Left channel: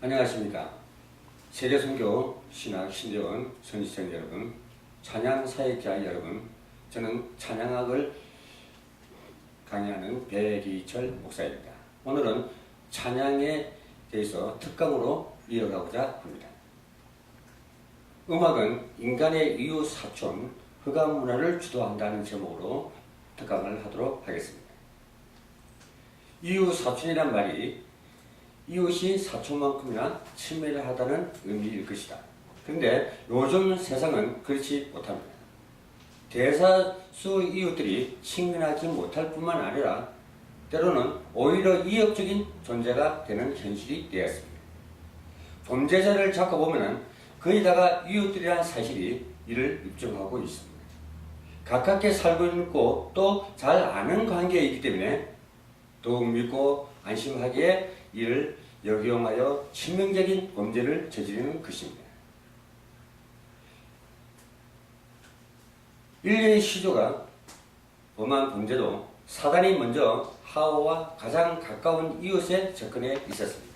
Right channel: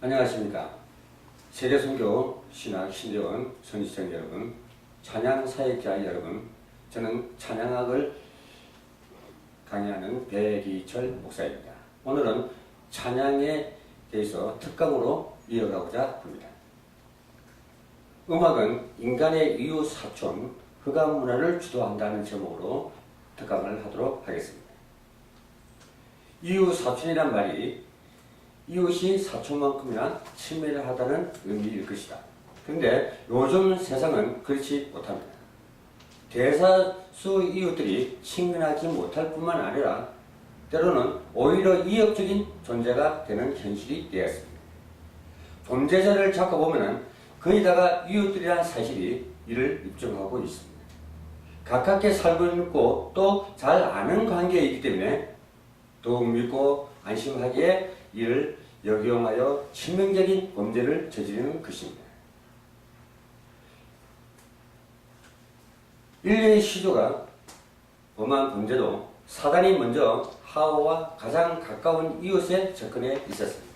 안녕하십니까. 세계선교 신학 신대원 선지자 여러분, 찬양 사역자 여러분, 저는 찬양학을 강의하는 배기철 목사입니다. 오늘은 찬양에 대해서 특강으로 이어가고자 합니다. 음악은 인간의 이웃 사촌, 흑암 문화를 주도한다는 제목으로 특강을 하도록 하겠습니다. 이웃 사촌이란 말이 이웃이 사촌만큼이나 친밀하다는 의미일 것이다. 그런데 요즘 세상은 그렇지 못합니다. 대다수 이웃들이 친근하지 못할 뿐만 아니라 때로는 오히려 이역적인 존재가 되는 현실이 되었습니다. 범죄자를 잡고 보면 거의 다가 이웃들이라는 사실이 이를 입증하고 있습니다. 가깝게 살고 있고 또 잘 아는 관계이기 때문에 더욱 믿고 안심하기에 이를 역용하여 치명적인 범죄를 저지르는 것입니다. 인류의 시조가 범한 범죄도 사단이 먼저 하와와 가장 가까운 이웃에 접근해 있었습니다.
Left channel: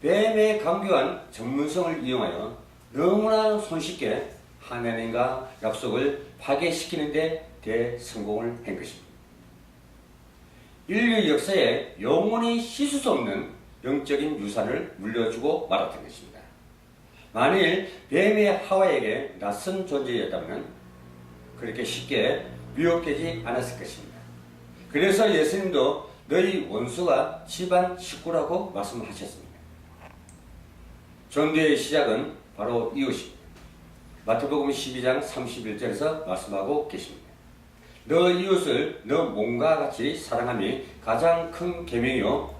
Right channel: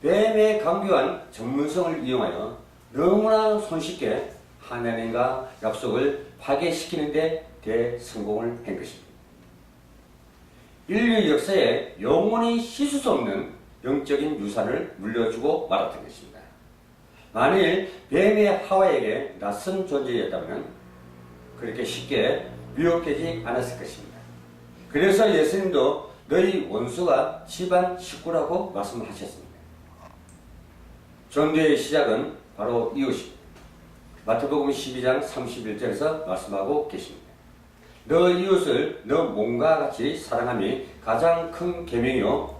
뱀의 강교한 전문성을 이용하여 너무나 손쉽게 하나님과 약속을 파괴시키는 데 대성공을 한 것입니다. 인류 역사에 영원히 씻을 수 없는 영적인 유산을 물려주고 말았던 것입니다. 만일 뱀이 하와에게 낯선 존재였다면 그렇게 쉽게 미혹되지 않았을 것입니다. 그래서 예수님도 너희 원수가 집안 식구라고 말씀하셨습니다. 전도의 시작은 바로 이웃입니다. 마태복음 12장 31절에서 말씀하고 계십니다. 너 이웃을 너 몸과 같이 사랑함이 가장 큰 계명이요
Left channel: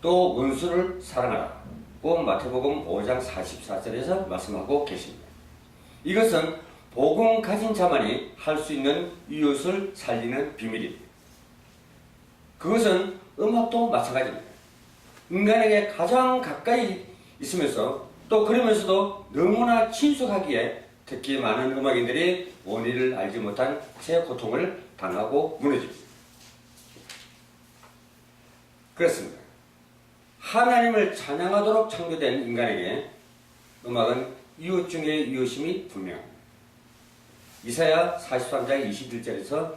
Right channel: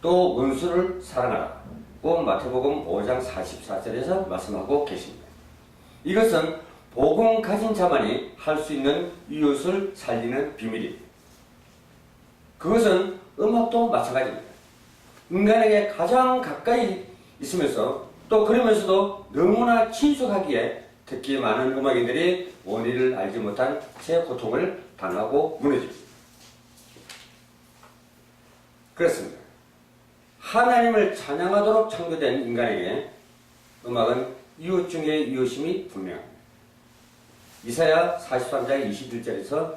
또 원수를 사랑하라. 꼭 마태복음 5장 44절에서 말씀하고 계십니다. 이것은 복음 가진 자만이 할 수 있는 이웃을 살리는 비밀입니다. 그것은 음악도 마찬가지입니다. 인간에게 가장 가까이 있으면서 또 그러면서도 너무나 친숙하기에 특히 많은 음악인들이 원리를 알지 못한 제 고통을 당하고 무너집니다. 그렇습니다. 하나님을 찬양하도록 창조된 인간에게 음악은 이웃 중에 이웃임이 분명합니다. 이사야 43장 21절에서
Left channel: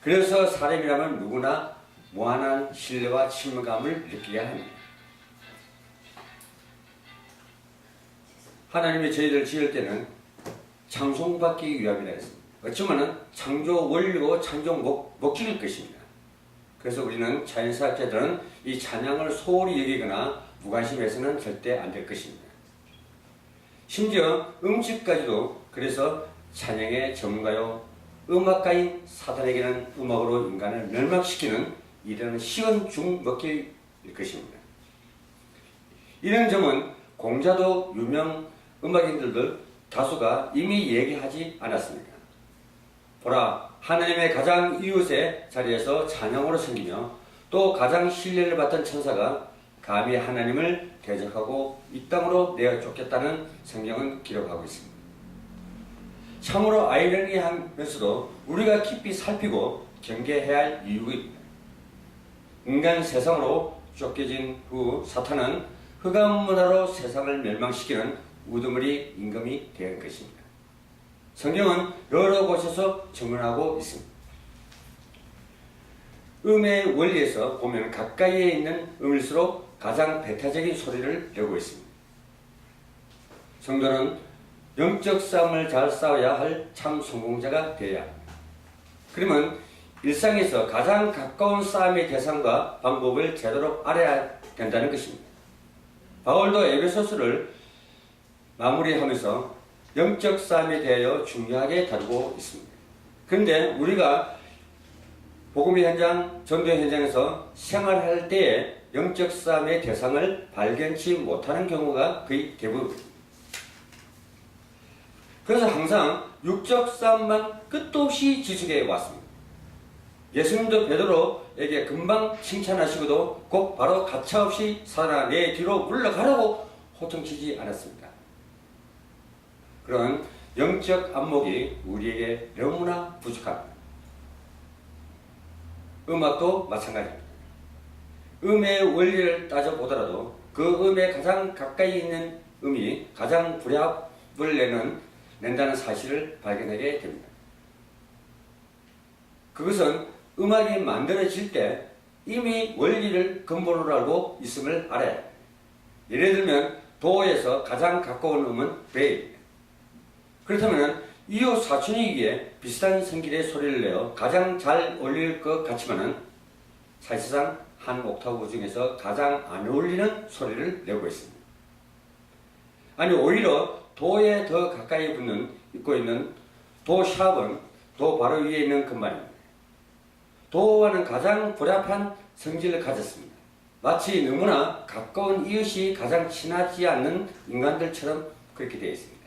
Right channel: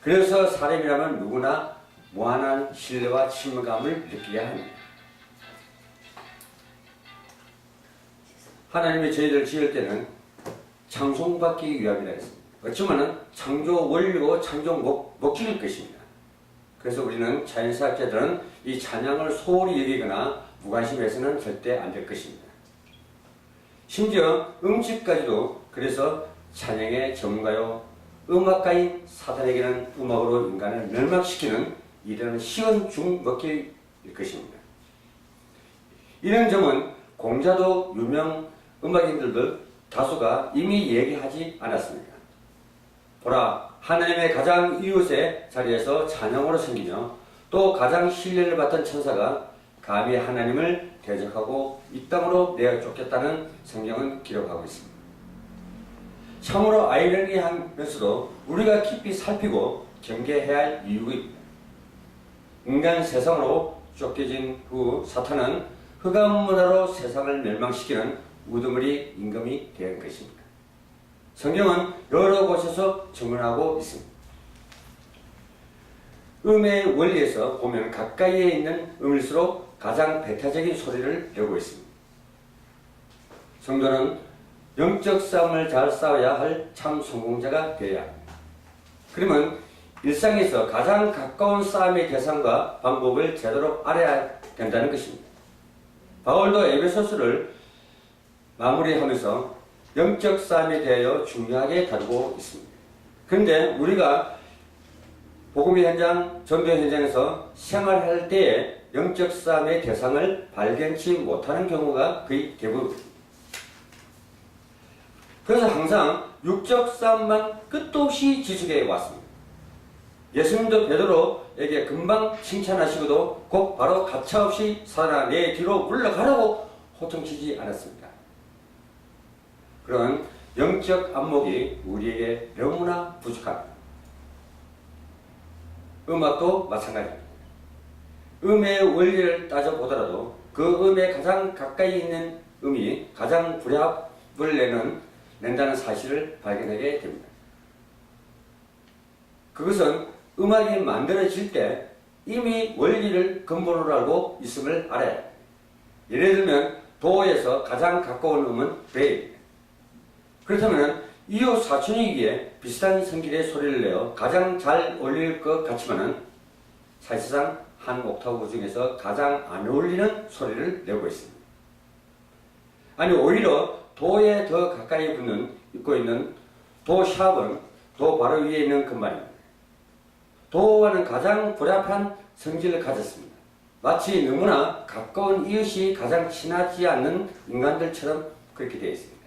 그래서 사람이라면 누구나 무한한 신뢰와 친밀감을 느끼게 합니다. 하나님이 저희를 지을 때는 창송받기 위함이라 했습니다. 어쩌면 창조 원리고 창조 목적일 것입니다. 그래서 우리는 자연사학자들은 이 찬양을 소홀히 여기거나 무관심해서는 절대 안 될 것입니다. 심지어 음식까지도 그래서 찬양의 전문가요 음악가인 사탄에게는 음악으로 인간을 멸망시키는 이런 쉬운 중먹기일 것입니다. 이런 점은 공자도 유명 음악인들도 다수가 이미 얘기하지 않았습니까? 보라, 하나님의 가장 이웃의 자리에서 찬양으로 섬기며 또 가장 신뢰를 받던 천사가 감히 하나님을 대적하고 이 땅으로 내어 쫓겼다는 성경은 기록하고 있습니다. 참으로 아이러니하면서도 우리가 깊이 살피고 경계해야 할 이유입니다. 인간 세상으로 쫓겨진 후 사탄은 흑암 문화로 세상을 멸망시키는 우두머리 임금이 된 것입니다. 성경은 여러 곳에서 증언하고 있습니다. 음의 원리에서 보면 가까이에 있는 음일수록 가장 배타적인 소리를 내고 있습니다. 성도는 영적 싸움을 잘 싸워야 할 참 성공자가 되어야 합니다. 그러면 일상에서 가장 가까운 싸움의 대상과 방법을 제대로 알아야 된다는 것입니다. 바울도 에베소서를 마무리하면서 영적 싸움에 대하여 중요하게 다루고 있습니다. 그런데 우리가 복음의 현장, 전도의 현장에서 생활할 때에 영적 싸움의 대상을 발견치 못하는 경우가 거의 대부분입니다. 그래서 항상 육적 싸움만 끝도 없이 지속해 왔습니다. 예수님도 베드로에게 금방 칭찬하시고도 곧 바로 가차없이 사단아 내 뒤로 물러가라고 호통치지 않았습니다. 그런 영적 안목이 우리에게 너무나 부족합니다. 음악도 마찬가지입니다. 음의 원리를 따져보더라도 그 음에 가장 가까이 있는 음이 가장 불합을 낸다는 사실을 발견하게 됩니다. 그것은 음악이 만들어질 때 이미 원리를 근본으로 알고 있음을 알아야 합니다. 예를 들면 도에서 가장 가까운 음은 레입니다. 그렇다면 이웃 사촌이기에 비슷한 성질의 소리를 내어 가장 잘 어울릴 것 같지만은 사실상 한 옥타브 중에서 가장 안 어울리는 소리를 내고 있습니다. 아니 오히려 도에 더 가까이 있고 있는 도 샵은 도 바로 위에 있는 금반입니다. 도와는 가장 불합한 성질을 가졌습니다. 마치 너무나 가까운 이웃이 가장 친하지 않는 인간들처럼 그렇게 되어 있습니다.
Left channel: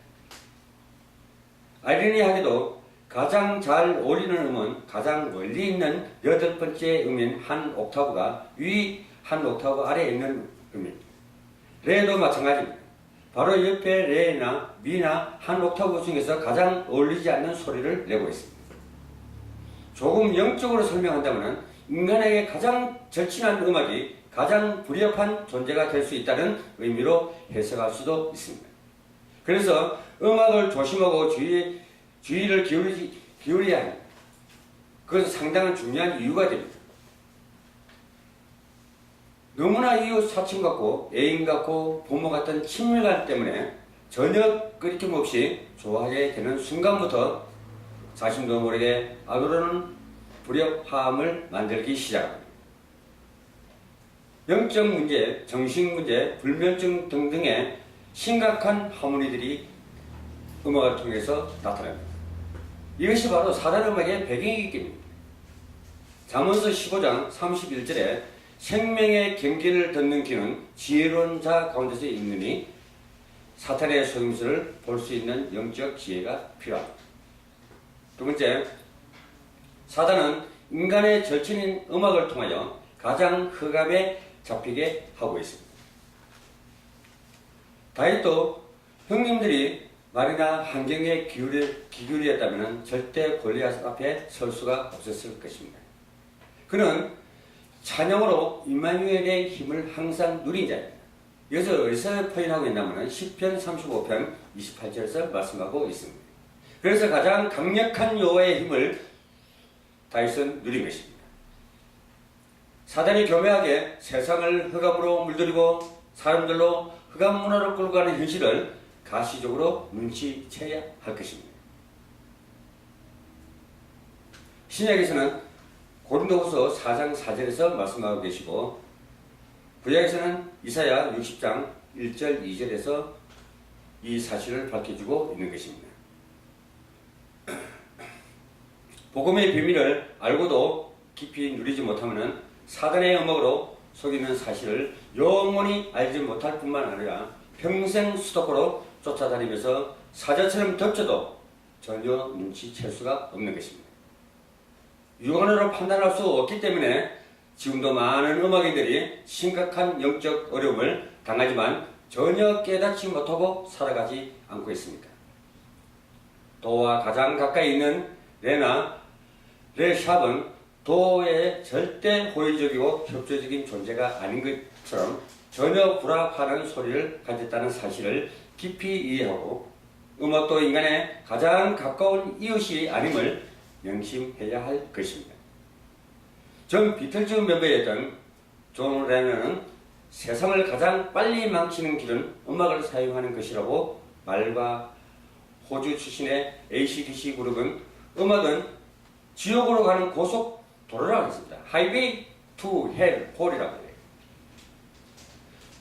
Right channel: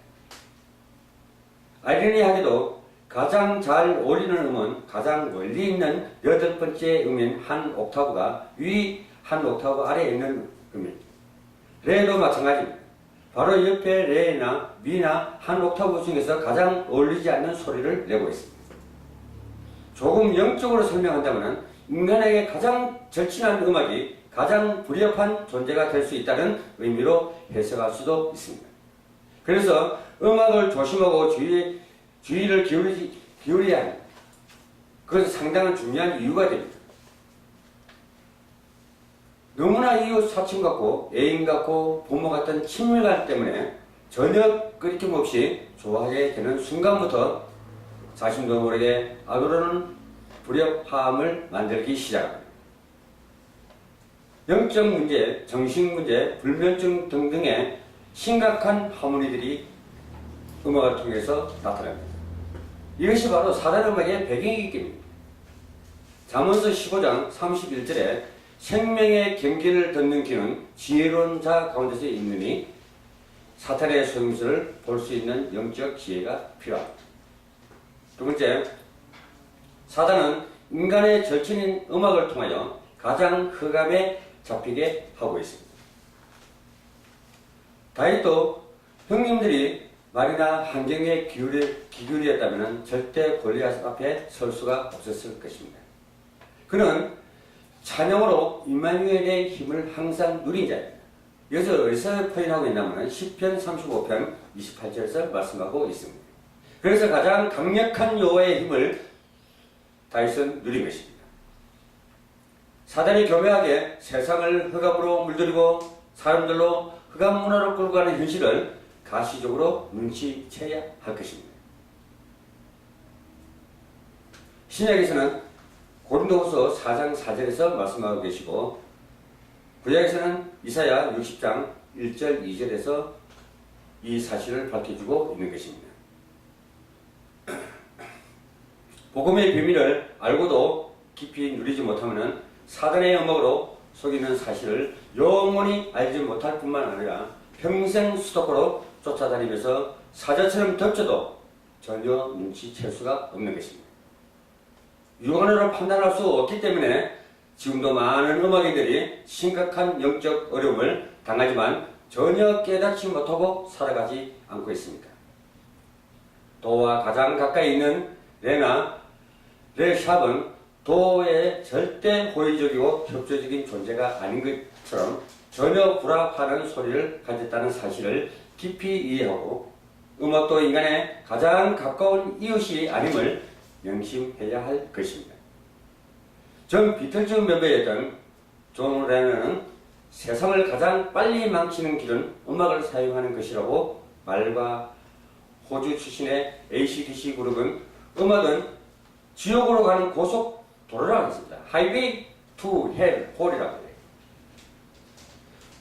아이러니하게도 가장 잘 어울리는 음은 가장 멀리 있는 8번째 음인 한 옥타브가 위 한 옥타브 아래에 있는 음입니다. 레도 마찬가지입니다. 바로 옆에 레나 미나 한 옥타브 중에서 가장 어울리지 않는 소리를 내고 있습니다. 조금 영적으로 설명한다면 인간에게 가장 절친한 음악이 가장 불협한 존재가 될 수 있다는 의미로 해석할 수도 있습니다. 그래서 음악을 조심하고 주의를 기울여야 합니다. 그것은 상당한 중요한 이유가 됩니다. 너무나 이웃 사촌 같고 애인 같고 부모 같은 친밀감 때문에 전혀 끊김 없이 좋아하게 되는 순간부터 자신도 모르게 악으로는 불협화음을 만들기 시작합니다. 영적 문제, 정신 문제, 불면증 등등의 심각한 하모니들이 음악을 통해서 나타납니다. 이것이 바로 사단 음악의 배경이기 때문입니다. 잠언서 15장 31절에 생명의 경계를 듣는 귀는 지혜로운 자 가운데서 있느니 사탄의 속임수를 볼 수 있는 영적 지혜가 필요합니다. 두 번째, 사단은 인간의 절친인 음악을 통하여 가장 흑암에 잡히게 하고 있습니다. 다윗도 형님들이 말이나 환경에 기울였다면 절대 골리앗 앞에 설 수가 없었을 것입니다. 그는 찬양으로 임마누엘의 힘을 항상 누린 자입니다. 여기서 어디서 표현하고 있냐면 10편 35편 28절에서 말씀하고 있습니다. 그래서 가장 강력한 여호와의 힘을 다윗은 누린 것입니다. 사단이 교묘하게 세상을 흑암으로 물들이고 사람들로 흑암 문화로 끌고 가는 현실을 가시적으로 눈치채야 할 것입니다. 신약에서는 고린도후서 4장 4절에서 말씀하고 계시고 구약에서는 이사야 60장 1절 2절에서 이 사실을 밝혀주고 있는 것입니다. 복음의 비밀을 알고도 깊이 누리지 못하면 사단의 음악으로 속이는 사실을 영원히 알지 못할 뿐만 아니라 평생 수도코로 쫓아다니면서 사자처럼 덮쳐도 전혀 눈치챌 수가 없는 것입니다. 육안으로 판단할 수 없기 때문에 지금도 많은 음악인들이 심각한 영적 어려움을 당하지만 전혀 깨닫지 못하고 살아가지 않고 있습니다. 도와 가장 가까이 있는 레샵은 도의 절대 호의적이고 협조적인 존재가 아닌 것처럼 전혀 불합하는 소리를 가졌다는 사실을 깊이 이해하고 음악도 인간의 가장 가까운 이웃이 아님을 명심해야 할 것입니다. 전 비틀즈 멤버였던 존 레넌은 세상을 가장 빨리 망치는 길은 음악을 사용하는 것이라고 말과 호주 출신의 AC/DC 그룹은 음악은 지옥으로 가는 고속도로라고 했습니다. Highway to Hell, Hall이라고 해요.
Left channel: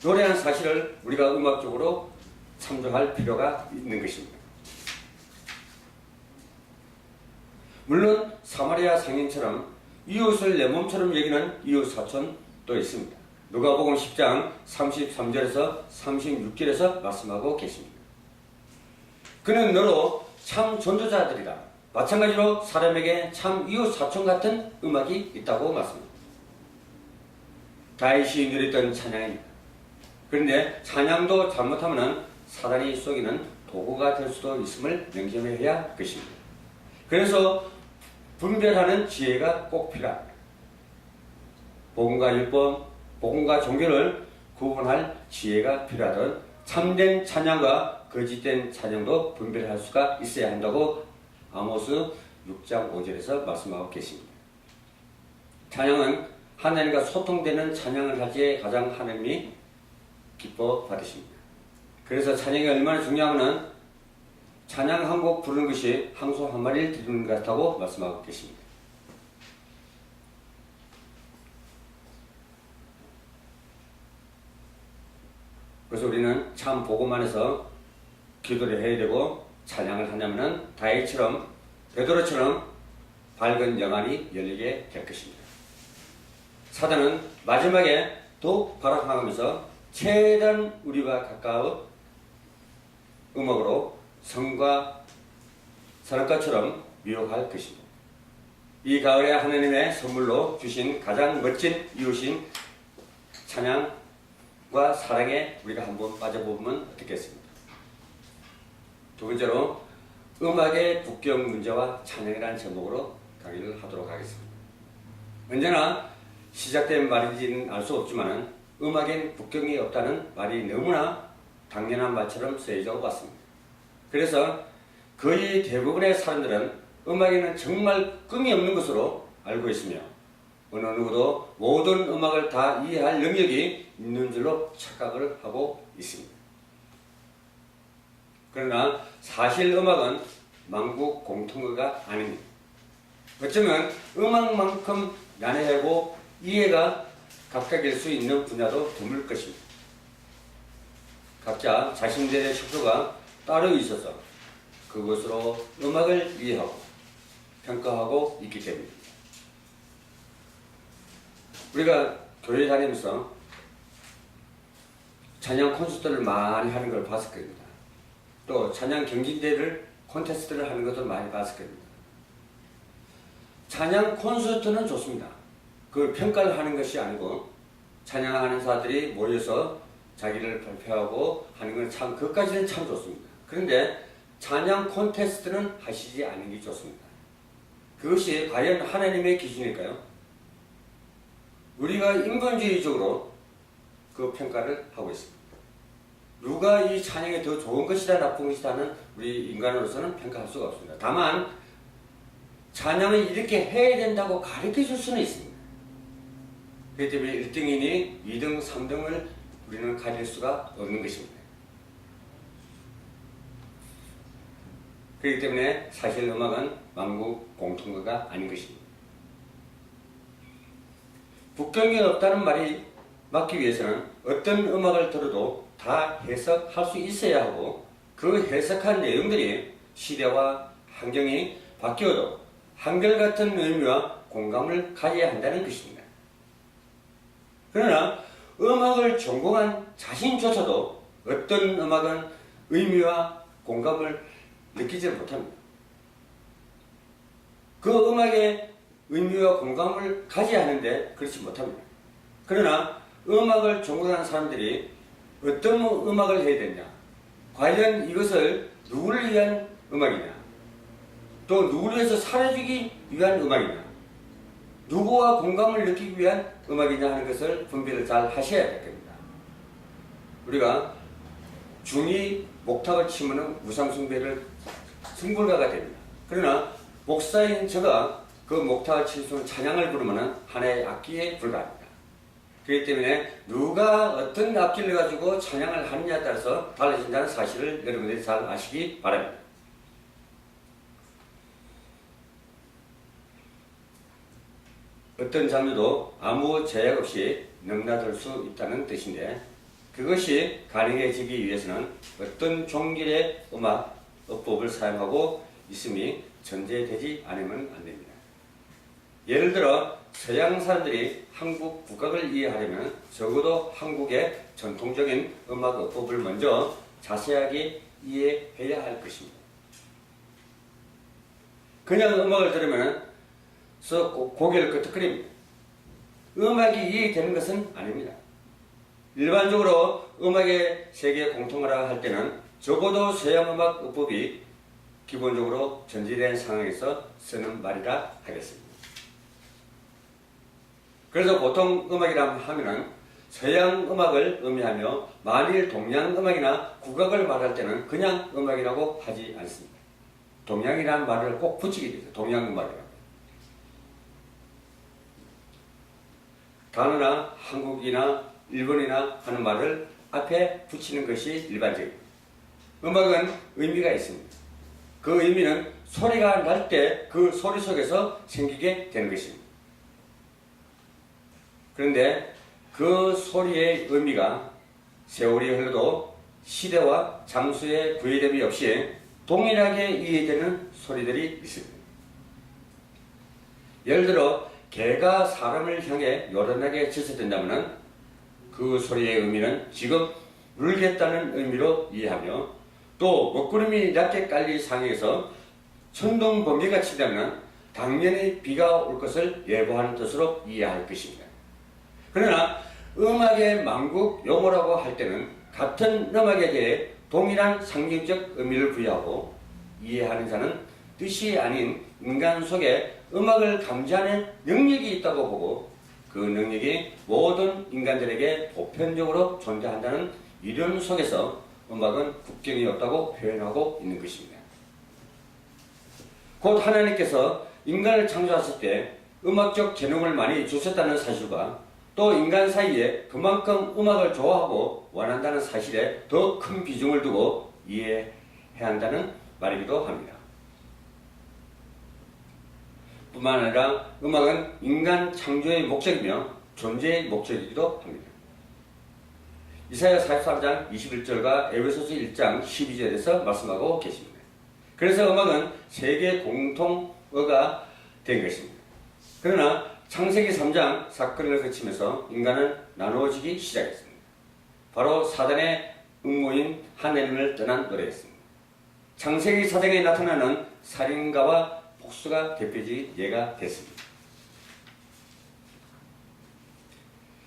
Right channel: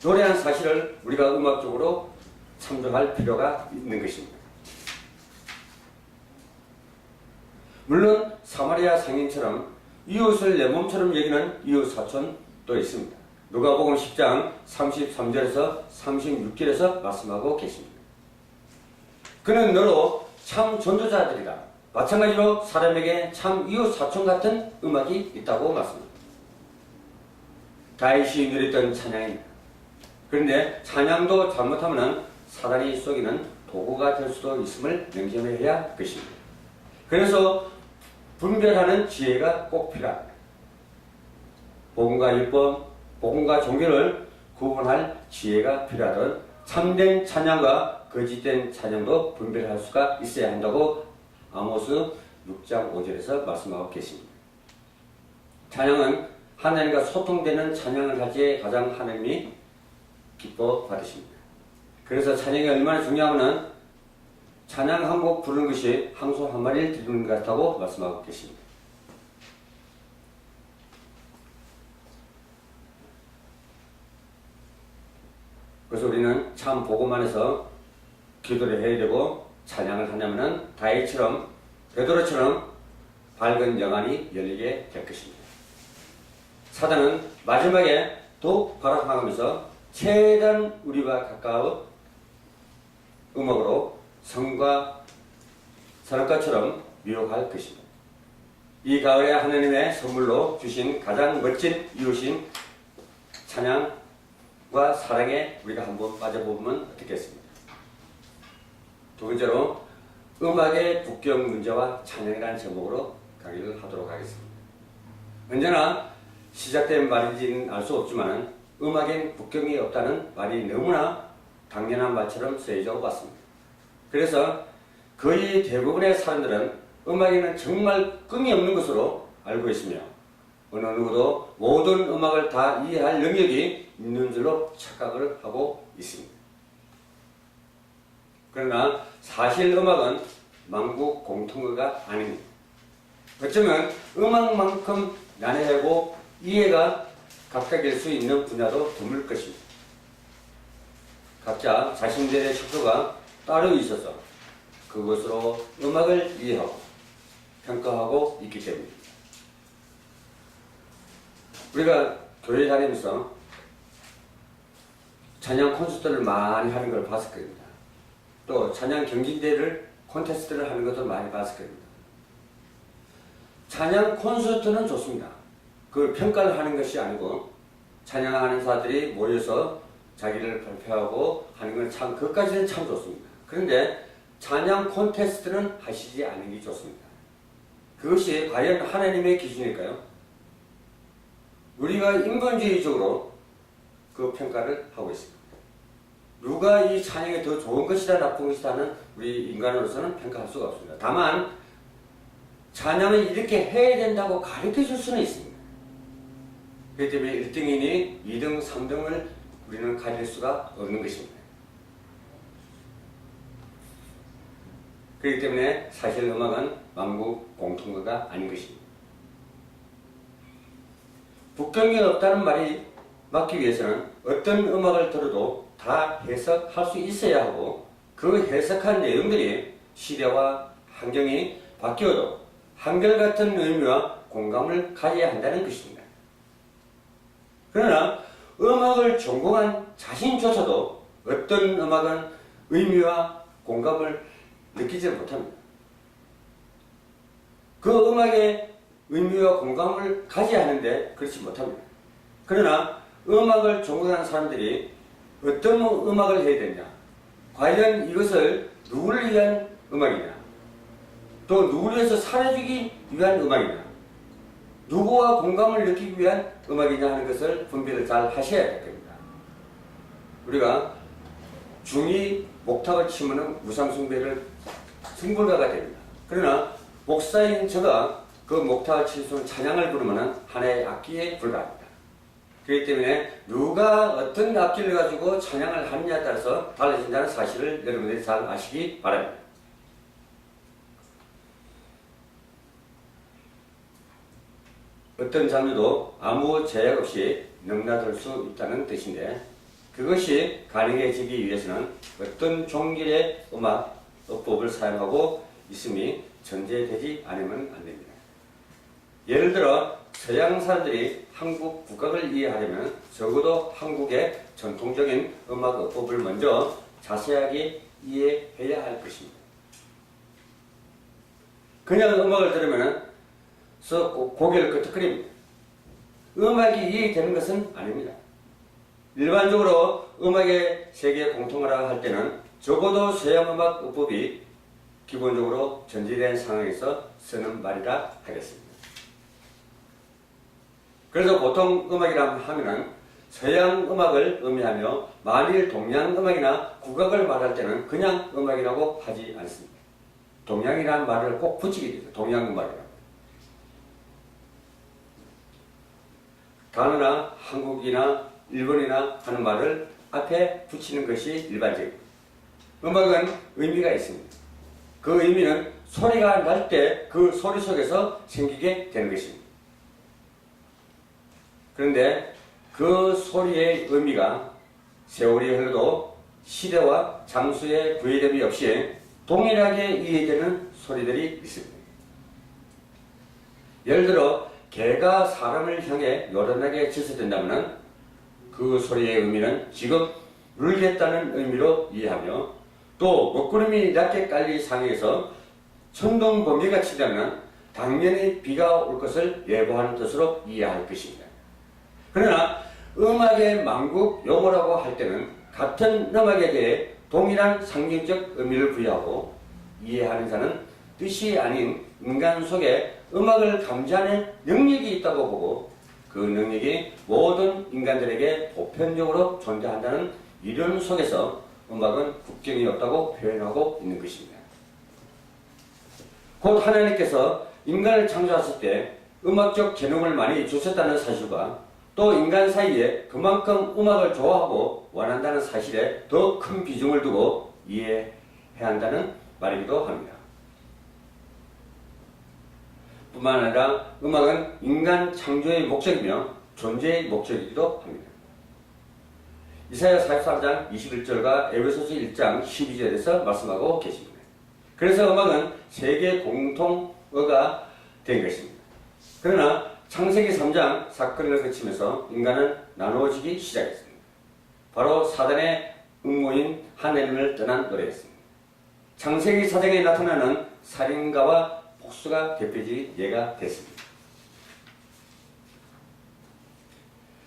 노래한 사실을 우리가 음악적으로 참조할 필요가 있는 것입니다. 물론 사마리아 상인처럼 이웃을 내 몸처럼 여기는 이웃 사촌도 있습니다. 누가복음 10장 33절에서 36절에서 말씀하고 계십니다. 그는 너로 참 전도자들이다. 마찬가지로 사람에게 참 이웃 사촌 같은 음악이 있다고 말씀합니다. 다윗이 누렸던 찬양입니다. 그런데 찬양도 잘못하면 사단이 속이는 도구가 될 수도 있음을 명심해야 할 것입니다. 그래서 분별하는 지혜가 꼭 필요합니다. 복음과 율법, 복음과 종교를 구분할 지혜가 필요하듯 참된 찬양과 거짓된 찬양도 분별할 수가 있어야 한다고 아모스 6장 5절에서 말씀하고 계십니다. 찬양은 하나님과 소통되는 찬양을 하기에 가장 하나님이 기뻐 받으십니다. 그래서 찬양이 얼마나 중요하면 찬양 한 곡 부르는 것이 항소 한 마리를 드리는 것 같다고 말씀하고 계십니다. 그래서 우리는 참 복음 안에서 기도를 해야 되고 찬양을 하냐면은 다윗처럼 베드로처럼 밝은 영안이 열리게 될 것입니다. 사단은 마지막에 더욱 발악하면서 최대한 우리와 가까운 음악으로 성과 선악과처럼 미혹할 것입니다. 이 가을에 하나님의 선물로 주신 가장 멋진 이웃인 찬양과 사랑에 우리가 한번 빠져보면 어떻겠습니까? 두 번째로 음악의 국경 문제와 찬양이라는 제목으로 강의를 하도록 하겠습니다. 언제나 시작된 말인지는 알 수 없지만 음악엔 국경이 없다는 말이 너무나 당연한 말처럼 쓰여져 왔습니다. 그래서 거의 대부분의 사람들은 음악에는 정말 끈이 없는 것으로 알고 있으며 어느 누구도 모든 음악을 다 이해할 능력이 있는 줄로 착각을 하고 있습니다. 그러나 사실 음악은 만국 공통어가 아닙니다. 어쩌면 음악만큼 난해하고 이해가 각각일 수 있는 분야도 드물 것입니다. 각자 자신들의 척도가 따로 있어서 그것으로 음악을 이해하고 평가하고 있기 때문입니다. 우리가 교회 다니면서 찬양 콘서트를 많이 하는 걸 봤을 겁니다. 또 찬양 경진대회를 콘테스트를 하는 것도 많이 봤을 겁니다. 찬양 콘서트는 좋습니다. 그걸 평가를 하는 것이 아니고 찬양하는 사람들이 모여서 자기를 발표하고 하는 건 참 그것까지는 참 좋습니다. 그런데 찬양 콘테스트는 하시지 않는 게 좋습니다. 그것이 과연 하나님의 기준일까요? 우리가 인본주의적으로 그 평가를 하고 있습니다. 누가 이 찬양이 더 좋은 것이다 나쁜 것이다는 우리 인간으로서는 평가할 수가 없습니다. 다만 찬양을 이렇게 해야 된다고 가르쳐 줄 수는 있습니다. 그렇기 때문에 1등이니 2등, 3등을 우리는 가질 수가 없는 것입니다. 그렇기 때문에 사실 음악은 만국 공통어가 아닌 것입니다. 국경이 없다는 말이 맞기 위해서는 어떤 음악을 들어도 다 해석할 수 있어야 하고 그 해석한 내용들이 시대와 환경이 바뀌어도 한결같은 의미와 공감을 가져야 한다는 것입니다. 그러나 음악을 전공한 자신조차도 어떤 음악은 의미와 공감을 느끼지 못합니다. 그 음악의 의미와 공감을 가져야 하는데 그렇지 못합니다. 그러나 음악을 전공한 사람들이 어떤 음악을 해야 되냐, 과연 이것을 누구를 위한 음악이냐, 또 누구를 위해서 살아주기 위한 음악이냐, 누구와 공감을 느끼기 위한 음악이냐 하는 것을 분별을 잘 하셔야 될 겁니다. 우리가 중이 목탁을 치면 우상숭배를 승불가가 됩니다. 그러나 목사인 제가 그 목탁을 칠 수 있는 찬양을 부르면 하나의 악기에 불과합니다. 그렇기 때문에 누가 어떤 악기를 가지고 찬양을 하느냐에 따라서 달라진다는 사실을 여러분들이 잘 아시기 바랍니다. 어떤 장르도 아무 제약 없이 넘나들 수 있다는 뜻인데 그것이 가능해지기 위해서는 어떤 종길의 음악, 어법을 사용하고 있음이 전제되지 않으면 안 됩니다. 예를 들어 서양 사람들이 한국 국악을 이해하려면 적어도 한국의 전통적인 음악 어법을 먼저 자세하게 이해해야 할 것입니다. 그냥 음악을 들으면 고개를 끄덕거립니다. 음악이 이해되는 것은 아닙니다. 일반적으로 음악의 세계 공통어라 할 때는 적어도 서양 음악 어법이 기본적으로 전제된 상황에서 쓰는 말이라 하겠습니다. 그래서 보통 음악이라 하면은 서양 음악을 의미하며 만일 동양 음악이나 국악을 말할 때는 그냥 음악이라고 하지 않습니다. 동양이라는 말을 꼭 붙이게 되죠. 동양 음악이라고. 단어나 한국이나 일본이나 하는 말을 앞에 붙이는 것이 일반적입니다. 음악은 의미가 있습니다. 그 의미는 소리가 날 때 그 소리 속에서 생기게 되는 것입니다. 그런데 그 소리의 의미가 세월이 흘러도 시대와 장소의 구애됨이 없이 동일하게 이해되는 소리들이 있습니다. 예를 들어 개가 사람을 향해 요란하게 짖어댄다면 그 소리의 의미는 지금 울겠다는 의미로 이해하며, 또 먹구름이 낮게 깔린 상에서 천둥 번개가 치다면 당연히 비가 올 것을 예고하는 뜻으로 이해할 것입니다. 그러나 음악의 만국 용어라고 할 때는 같은 음악에 대해 동일한 상징적 의미를 부여하고 이해하는 자는 뜻이 아닌 인간 속에 음악을 감지하는 능력이 있다고 보고 그 능력이 모든 인간들에게 보편적으로 존재한다는 이론 속에서 음악은 국경이 없다고 표현하고 있는 것입니다. 곧 하나님께서 인간을 창조하실 때 음악적 재능을 많이 주셨다는 사실과 또 인간 사이에 그만큼 음악을 좋아하고 원한다는 사실에 더 큰 비중을 두고 이해해야 한다는 말이기도 합니다. 뿐만 아니라 음악은 인간 창조의 목적이며 존재의 목적이기도 합니다. 이사야 43장 21절과 에베소서 1장 12절에서 말씀하고 계십니다. 그래서 음악은 세계 공통어가 된 것입니다. 그러나 창세기 3장 사건을 거치면서 인간은 나누어지기 시작했습니다. 바로 사단의 음모인 하나님을 떠난 노래였습니다. 창세기 4장에 나타나는 살인가와 복수가 대표적인 예가 됐습니다.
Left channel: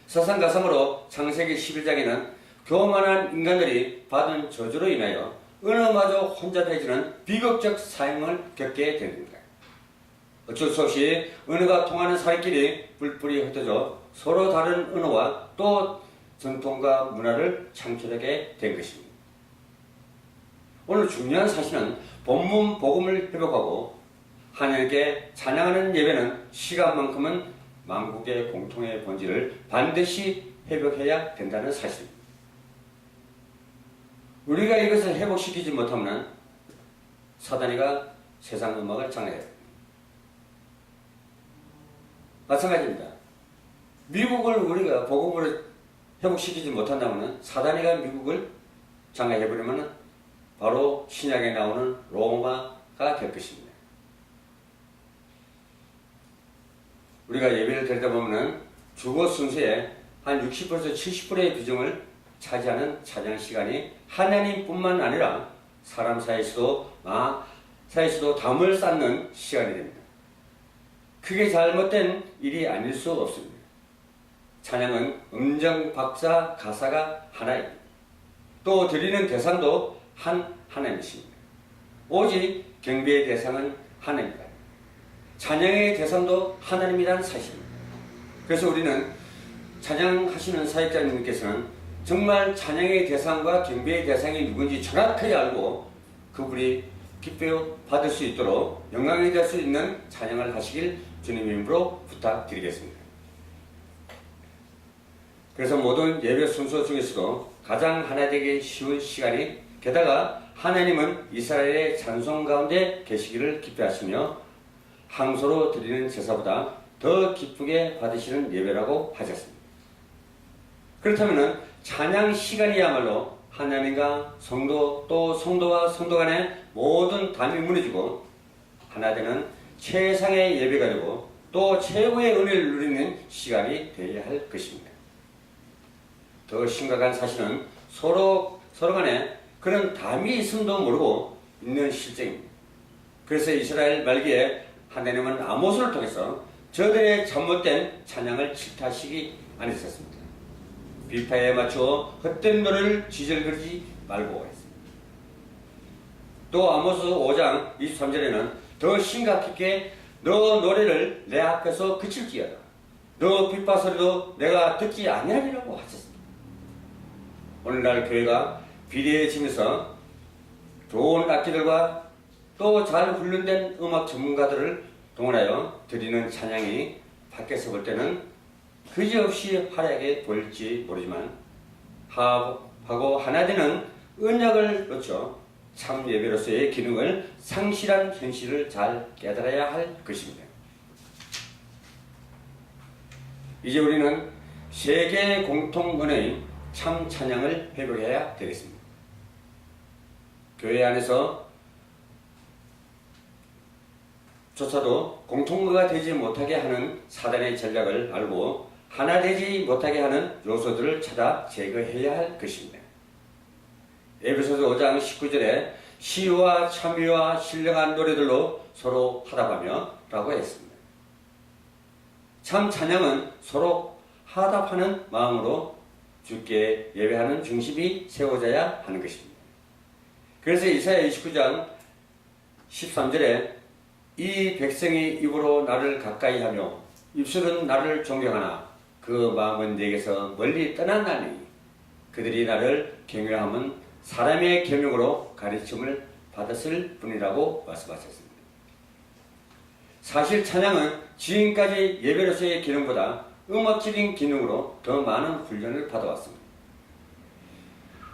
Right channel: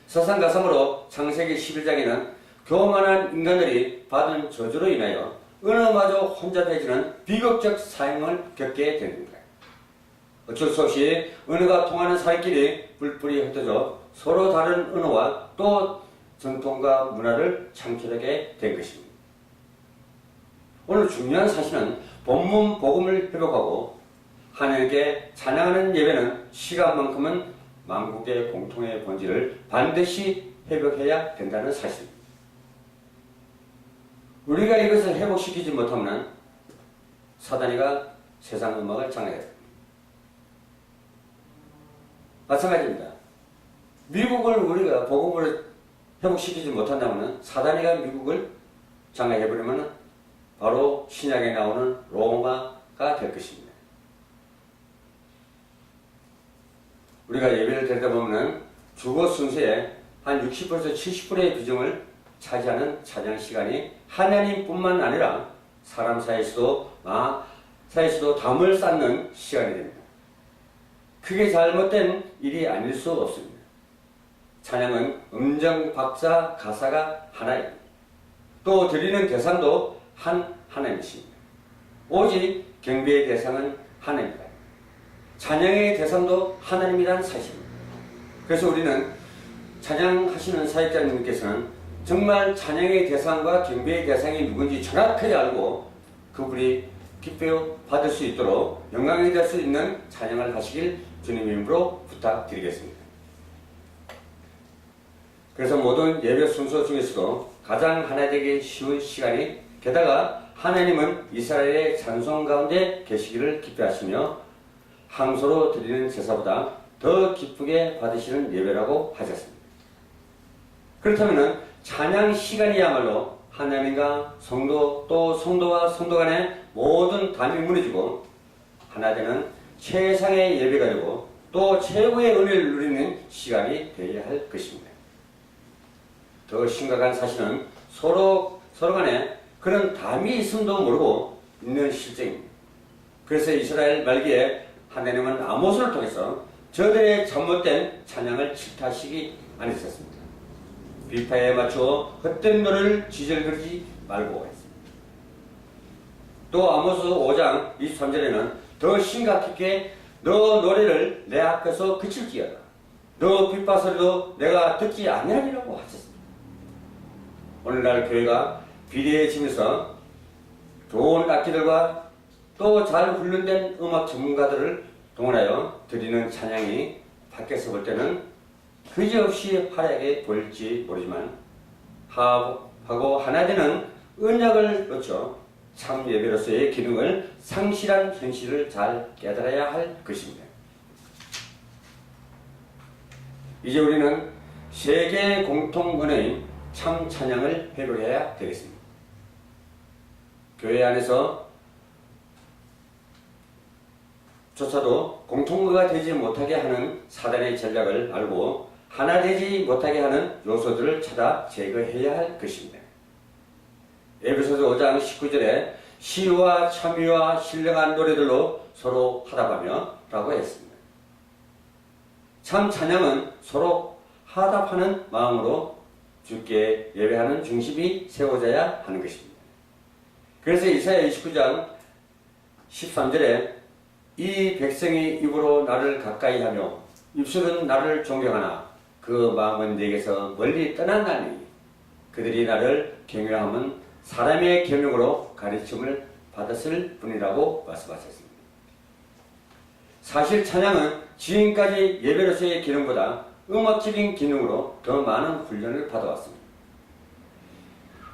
사상가상으로 창세기 11장에는 교만한 인간들이 받은 저주로 인하여 은어마저 혼자 되지는 비극적 사형을 겪게 됩니다. 어쩔 수 없이 은어가 통하는 사이끼리 뿔뿔이 흩어져 서로 다른 언어와 또 전통과 문화를 창출하게 된 것입니다. 오늘 중요한 사실은 본문 복음을 회복하고 하나님께 찬양하는 예배는 시간만큼은 만국의 공통의 본질을 반드시 회복해야 된다는 사실입니다. 우리가 이것을 회복시키지 못하면 사단이가 세상 음악을 장악해야 됩니다. 마찬가지입니다. 미국을 우리가 복음으로 회복시키지 못한다면 사단이가 미국을 장악해버리면 바로 신약에 나오는 로마가 될 것입니다. 우리가 예배를 드리다 보면 주거 순서에 한 60%에서 70%의 비중을 차지하는 찬양 시간이 하나님뿐만 아니라 사람 사이에서도 담을 쌓는 시간이 됩니다. 크게 잘못된 일이 아닐 수 없습니다. 찬양은 음정, 박자, 가사가 하나입니다. 또 드리는 대상도 하나님이십니다. 오직 경배의 대상은 하나님입니다. 찬양의 대상도 하나님이라는 사실입니다. 그래서 우리는 찬양하시는 사역자님께서는 정말 찬양의 대상과 경배의 대상이 누군지 정확하게 알고 그분이 기뻐 받을 수 있도록 영광이 될 수 있는 찬양을 하시길 주님의 이름으로 부탁드리겠습니다. 그래서 모든 예배 순서 중에서도 가장 하나 되기 쉬운 시간이, 게다가 하나님은 이스라엘의 찬송 가운데 계시기를 기뻐하시며 항소로 드리는 제사보다 더 기쁘게 받으시는 예배라고 하셨습니다. 그렇다면 찬양 시간이야말로 하나님과 성도 또 성도와 성도 간의 모든 담이 무너지고 하나 되는 최상의 예배가 되고 또 최고의 은혜를 누리는 시간이 되어야 할 것입니다. 더 심각한 사실은 서로 간에 그런 담이 있음도 모르고 있는 실정입니다. 그래서 이스라엘 말기에 하나님은 아모스를 통해서 저들의 잘못된 찬양을 질타하시기 않으셨습니다. 비파에 맞추어 헛된 노래를 지절거리지 말고 했습니다. 또 아모스 5장 23절에는 더 심각하게 너 노래를 내 앞에서 그칠지어다. 너 빗바 소리도 내가 듣지 아니하리라고 하셨습니다. 오늘날 교회가 비대해지면서 좋은 악기들과 또 잘 훈련된 음악 전문가들을 동원하여 드리는 찬양이 밖에서 볼 때는 그지없이 화려하게 보일지 모르지만 하고 하나 되는 언약을 놓쳐 참 예배로서의 기능을 상실한 현실을 잘 깨달아야 할 것입니다. 이제 우리는 세계 공통 언어인 참 찬양을 회복해야 되겠습니다. 교회 안에서 조차도 공통어가 되지 못하게 하는 사단의 전략을 알고 하나 되지 못하게 하는 요소들을 찾아 제거해야 할 것입니다. 에베소서 5장 19절에 시와 참여와 신령한 노래들로 서로 화답하며 라고 했습니다. 참 찬양은 서로 화답하는 마음으로 주께 예배하는 중심이 세워져야 하는 것입니다. 그래서 이사야 29장 13절에 이 백성이 입으로 나를 가까이 하며 입술은 나를 존경하나 그 마음은 내게서 멀리 떠났나니 그들이 나를 경외함은 사람의 계명으로 가르침을 받았을 뿐이라고 말씀하셨습니다. 사실 찬양은 지금까지 예배로서의 기능보다 음악적인 기능으로 더 많은 훈련을 받아왔습니다.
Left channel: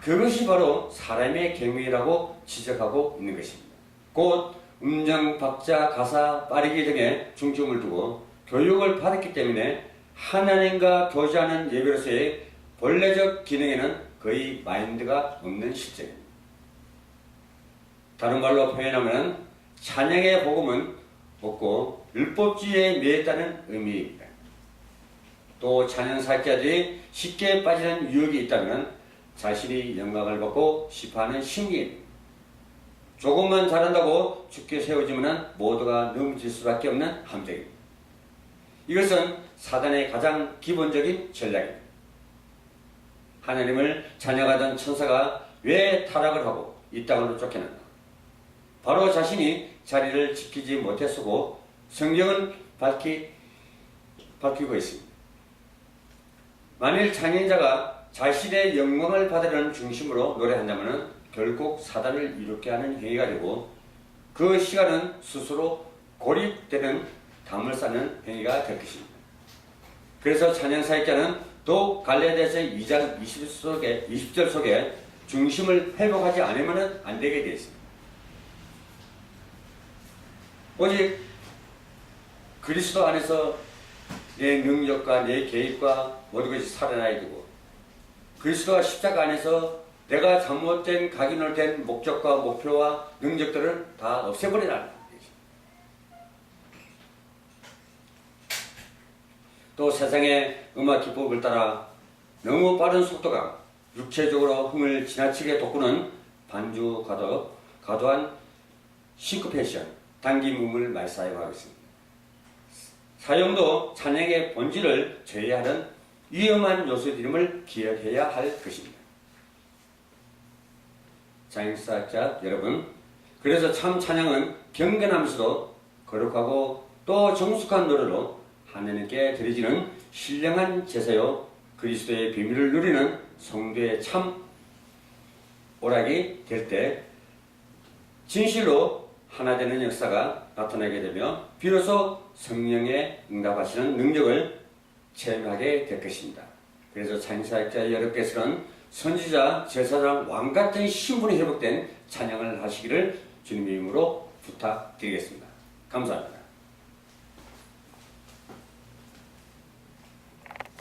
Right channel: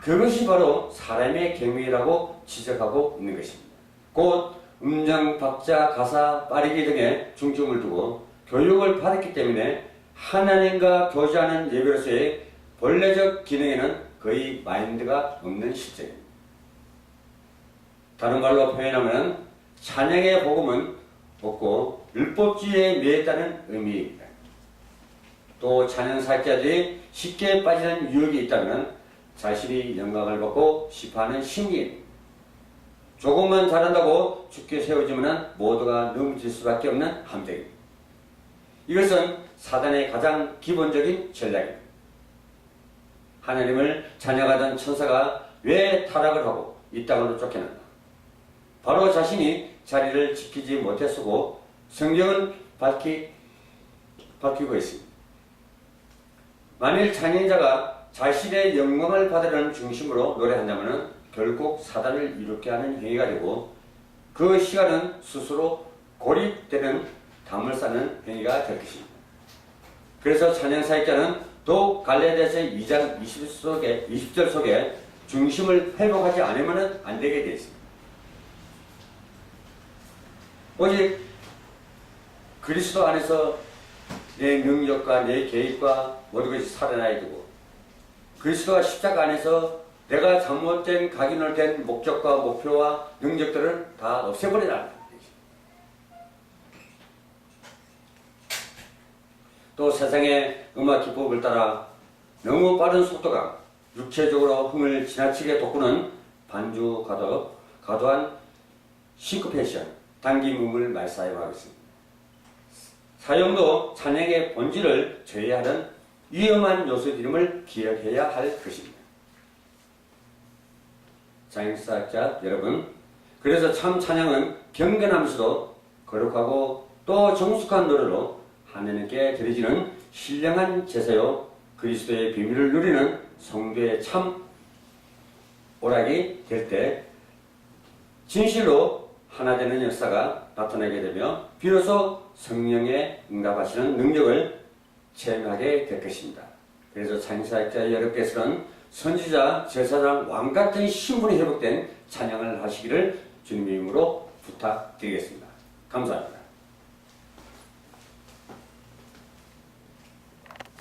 그것이 바로 사람의 경외라고 지적하고 있는 것입니다. 곧 음정, 박자, 가사, 빠르기 등에 중점을 두고 교육을 받았기 때문에 하나님과 교제하는 예배로서의 본래적 기능에는 거의 마인드가 없는 실정입니다. 다른 말로 표현하면 찬양의 복음은 없고 율법주의에 매였다는 의미입니다. 또 찬양 사역자들이 쉽게 빠지는 유혹이 있다면 자신이 영광을 받고 싶어하는 심리입니다. 조금만 잘한다고 죽게 세워지면 모두가 넘어질 수밖에 없는 함정입니다. 이것은 사단의 가장 기본적인 전략입니다. 하나님을 찬양하던 천사가 왜 타락을 하고 이 땅으로 쫓겨났나? 바로 자신이 자리를 지키지 못했고 성경은 밝히고 있습니다. 만일 찬양자가 자신의 영광을 받으려는 중심으로 노래한다면 결국 사단을 이롭게 하는 행위가 되고 그 시간은 스스로 고립되는 담을 쌓는 행위가 될 것입니다. 그래서 찬양 사역자는 또 갈라디아서 2장 20절 속에 중심을 회복하지 않으면 안 되게 되어 있습니다. 오직 그리스도 안에서 내 능력과 내 계획과 모든 것이 살아나야 되고 그리스도와 십자가 안에서 내가 잘못된 각인을 된 목적과 목표와 능력들을 다 없애버리라는 얘기죠. 또 세상의 음악 기법을 따라 너무 빠른 속도가 육체적으로 흥을 지나치게 돋구는 반주 과도한 싱크페이션, 당김음을 많이 사용하고 있습니다. 사용도 찬양의 본질을 저해하는 위험한 요소들임을 기억해야 할 것입니다. 찬양사역자 여러분, 그래서 참 찬양은 경건하면서도 거룩하고 또 정숙한 노래로 하나님께 드려지는 신령한 제사요 그리스도의 비밀을 누리는 성도의 참 오락이 될 때 진실로 하나 되는 역사가 나타나게 되며 비로소 성령에 응답하시는 능력을 체험하게 될 것입니다. 그래서 찬양사역자 여러분께서는 선지자, 제사장, 왕 같은 신분이 회복된 찬양을 하시기를 주님의 이름으로 부탁드리겠습니다. 감사합니다.